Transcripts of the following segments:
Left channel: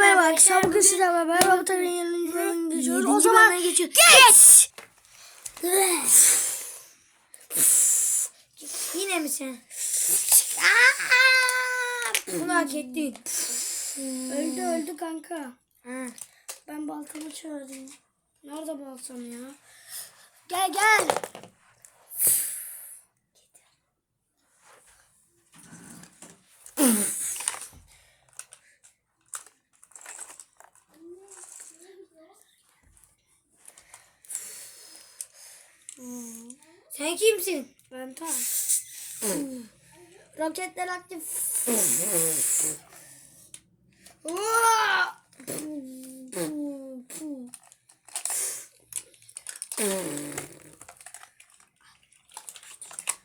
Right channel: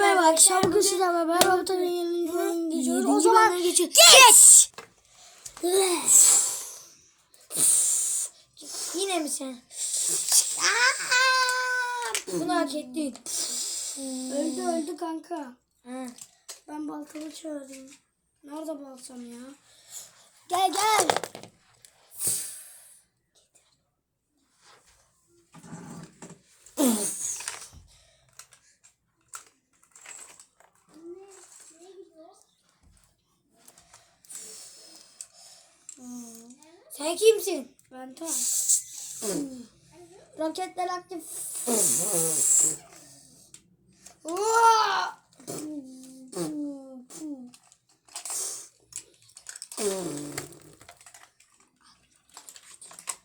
merhaba. arkadaşlar. Bugün sizlerle beraber Avatar'ın yanına geçiyoruz. O zaman bölüme geçiyor. geç. Yine mi sen? Bunu hak ettin. Öldü öldü kanka. Ben baltamı çağırayım. Nerede baltam ya? Gel gel. Sen kimsin? Ben tam. Roketler aktif.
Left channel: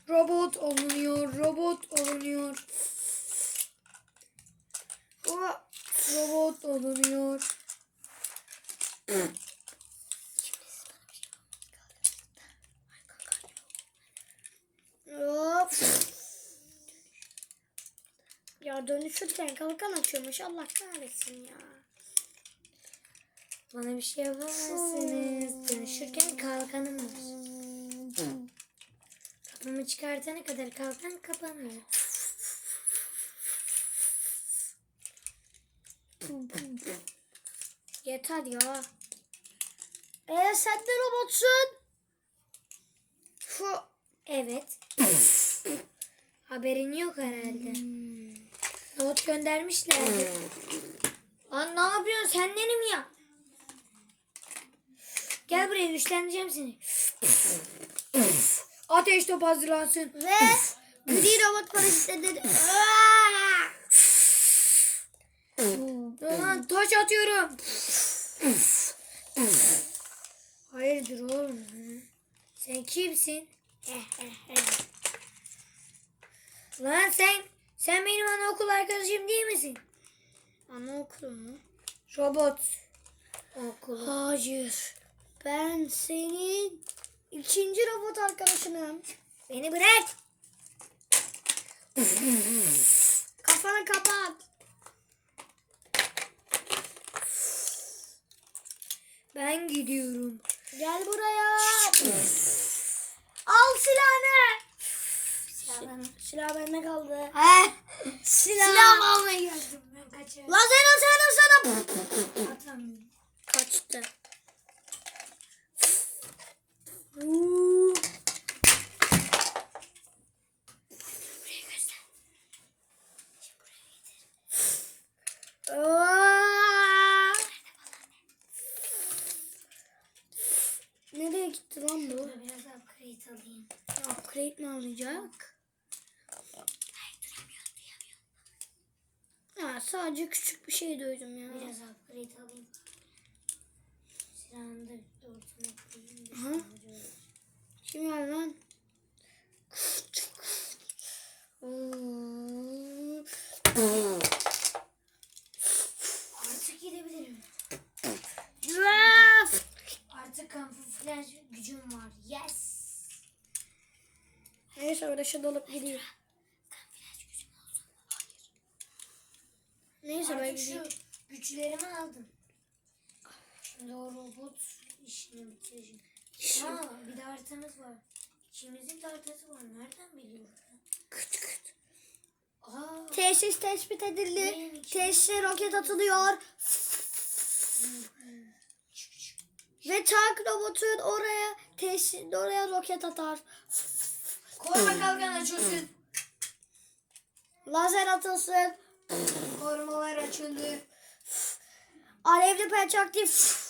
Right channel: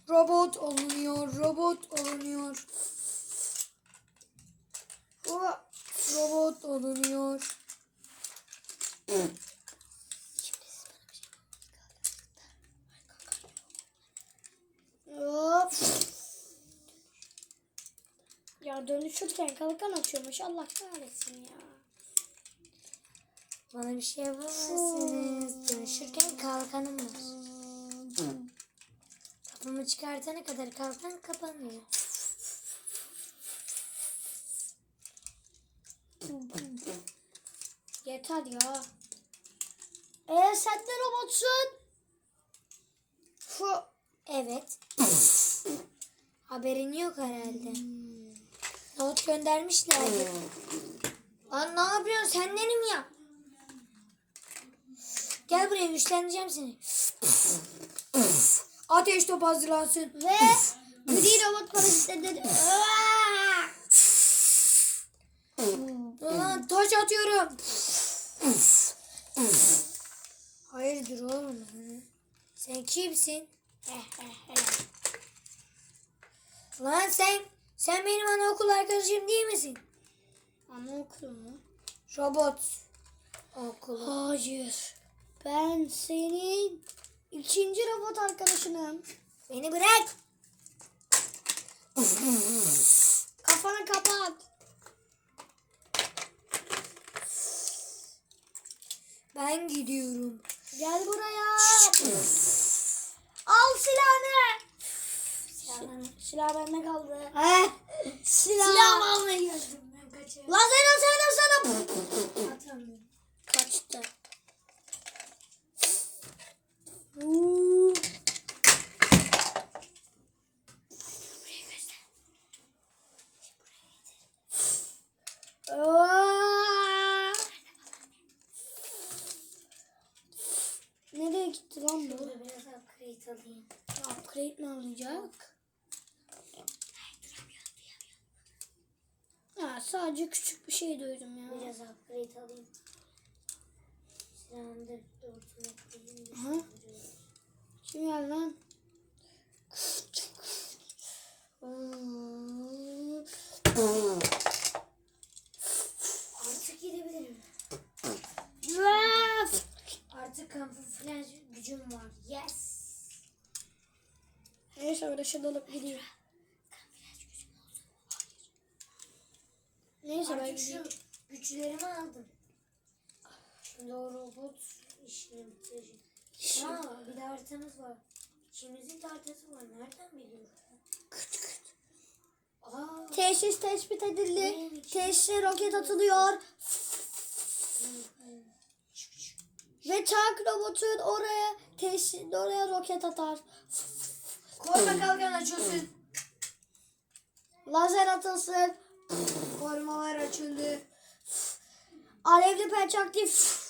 Robot olunuyor, robot olunuyor. Robot olunuyor. Ya dönüşürken kalkan açıyormuş. Allah kahretsin ya. Bana bir şey yapamazsınız. Dönüşürken kalkanım var. Kafamı çıkartana kadar kalkan kapanmıyor. Yeter ya. Ee sen de robotsun. Şu. Evet. Haberin yok herhalde. Not göndermişlerdi. Lan ne yapıyorsun? Sen benim ya. Gel buraya güçlendireceğim seni. Ateş top hazırlansın. Ve gri robot paraşütle Lan taş atıyorum. Hayırdır oğlum? Sen kimsin? Lan sen sen benim anaokul arkadaşım değil misin? Anaokulu mu? Robot okulu. Hayır. Ben senin ikinci robot arkadaşınım. Beni bırak. Kafanı kapat. Ben gidiyorum. Gel buraya. Al silahını. Silah bende kaldı. Ha? Silah. Silahımı almaya geldim. Ben kaçarım. Lan sen sen sana. Atamıyorum. Kaçtı. Aa! Nereye gitti lan bu? Biraz upgrade alayım. Upgrade mi alacak? Ya sadece küçük bir şey duydum ya. Biraz upgrade alayım. Silahını da ortaya koyayım. Kim geldi lan? Artık gidebilirim. Artık kamuflaj gücüm var. Yes. Neyse öyle şey dalıp gideyim. Kamuflaj gücüm olsun. Neyse ben Artık gideyim. şu güçlerimi aldım. Şimdi o robot işini bitireceğim. Aa bir de haritamız var. İkimizin de haritası var. Nereden biliyorum? Aa, Tesis tespit edildi. Neymiş? Tesise roket atılıyor. Ve tank robotun oraya tesis oraya roket atar. Koruma kalkan açılsın. Lazer atılsın. Korumalar açıldı. Alevli pençe aktif.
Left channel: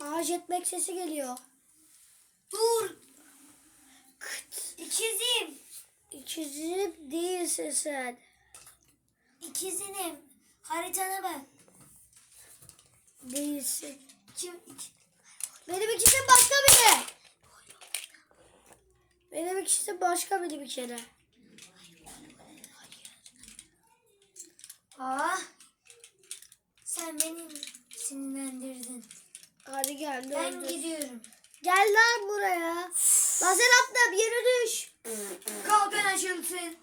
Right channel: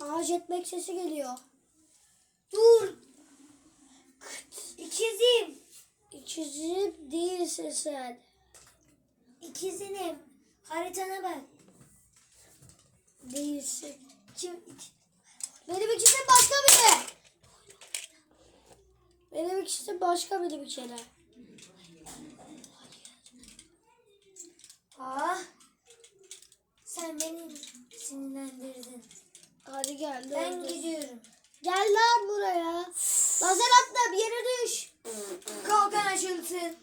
Aa jetpack sesi geliyor. Dur. İkizim. İkizim değilsin sen. İkizinim. Haritana bak. Değilsin. Kim? Benim ikizim başka biri. Benim ikizim başka biri bir kere. Aa. Sen beni sinirlendirdin. Hadi gel. Ben öldür. gidiyorum. Gel lan buraya. Lazer attım yere düş. Kalkan açılsın.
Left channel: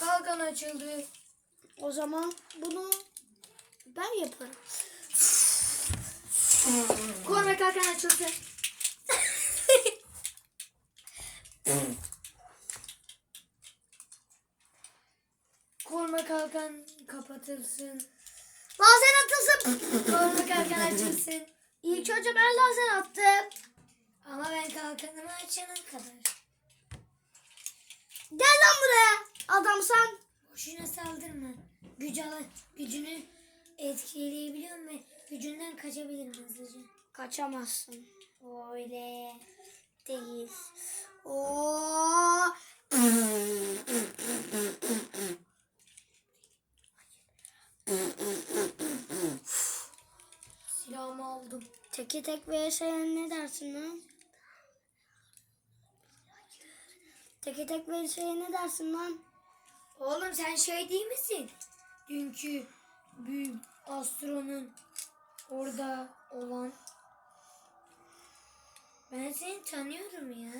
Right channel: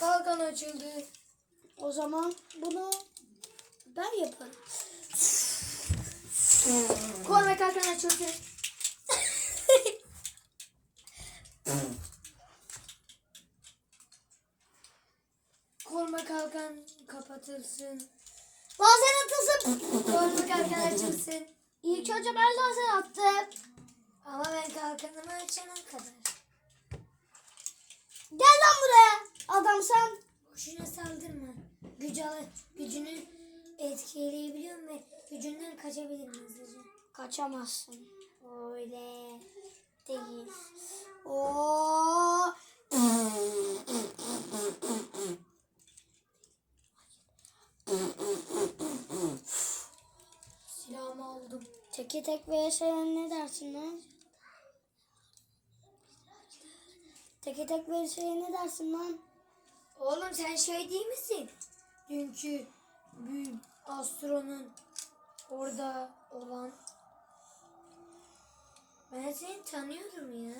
Kalkan açıldı. O zaman bunu ben yaparım. Korma kalkan açılsın. Korma kalkan kapatılsın. Lazer atılsın. Korma kalkan açılsın. İlk önce ben lazer attım. Ama ben kalkanımı açana kadar. Gel lan buraya. Adamsan. Boşuna saldırma. Gücü al, gücünü etkileyebiliyorum ve gücünden kaçabilirim hızlıca. Kaçamazsın. Öyle. Değil. Oo. Silahımı aldım. Teke tek vs ne dersin lan? Teke tek vs ne dersin lan? Oğlum sen şey değil misin? Dünkü büyük astronun orada olan. Ben seni tanıyorum ya.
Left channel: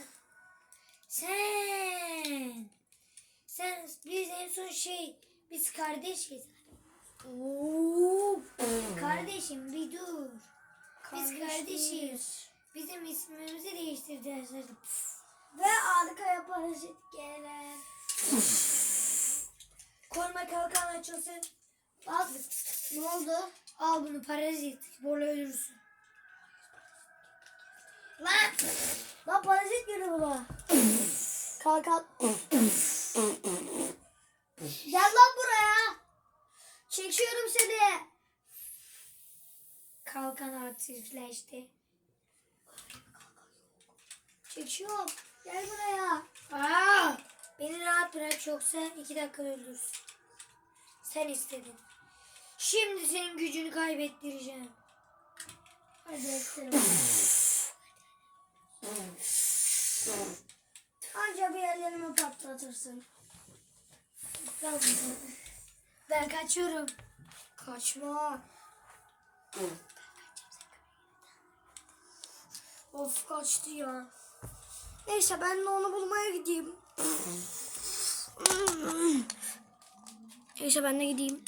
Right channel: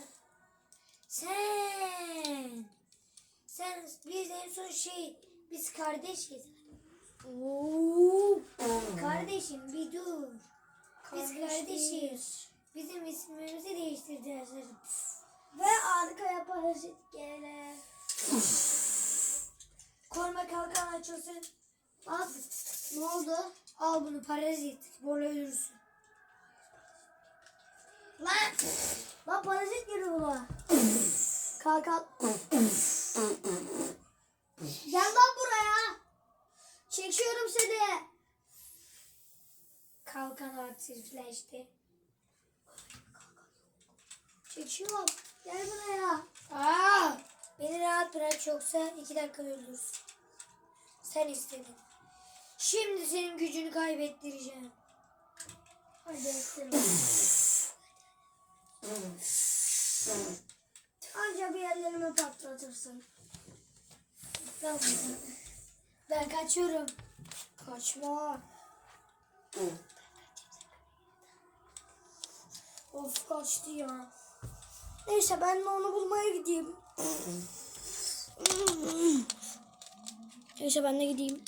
Biz en son şey biz kardeşiz. Oo. Kardeşim bir dur. Biz Kardeşiz. kardeşiz. Bizim ismimizi değiştirdiler. Püf. Ve arkaya parazit gele. Koruma kalkan açılsın. Bak. Ne oldu? Al bunu parazit. Borla ölürsün. Lan. Lan parazit geliyor buna. Kalk kalk. Gel lan buraya. Çekiyorum seni. Kalkan aktifleşti. Çekiyorum. Gel buraya. Aa, beni rahat bırak yoksa iki dakika öldürürsün. Sen istedin. Şimdi senin gücünü kaybettireceğim. Hadi ettirelim. Anca bir ellerimi patlatırsın. Ben kaçıyorum. Kaçma. Of kaçtı ya. Neyse ben de onu bulmaya gideyim. Neyse ben de gideyim.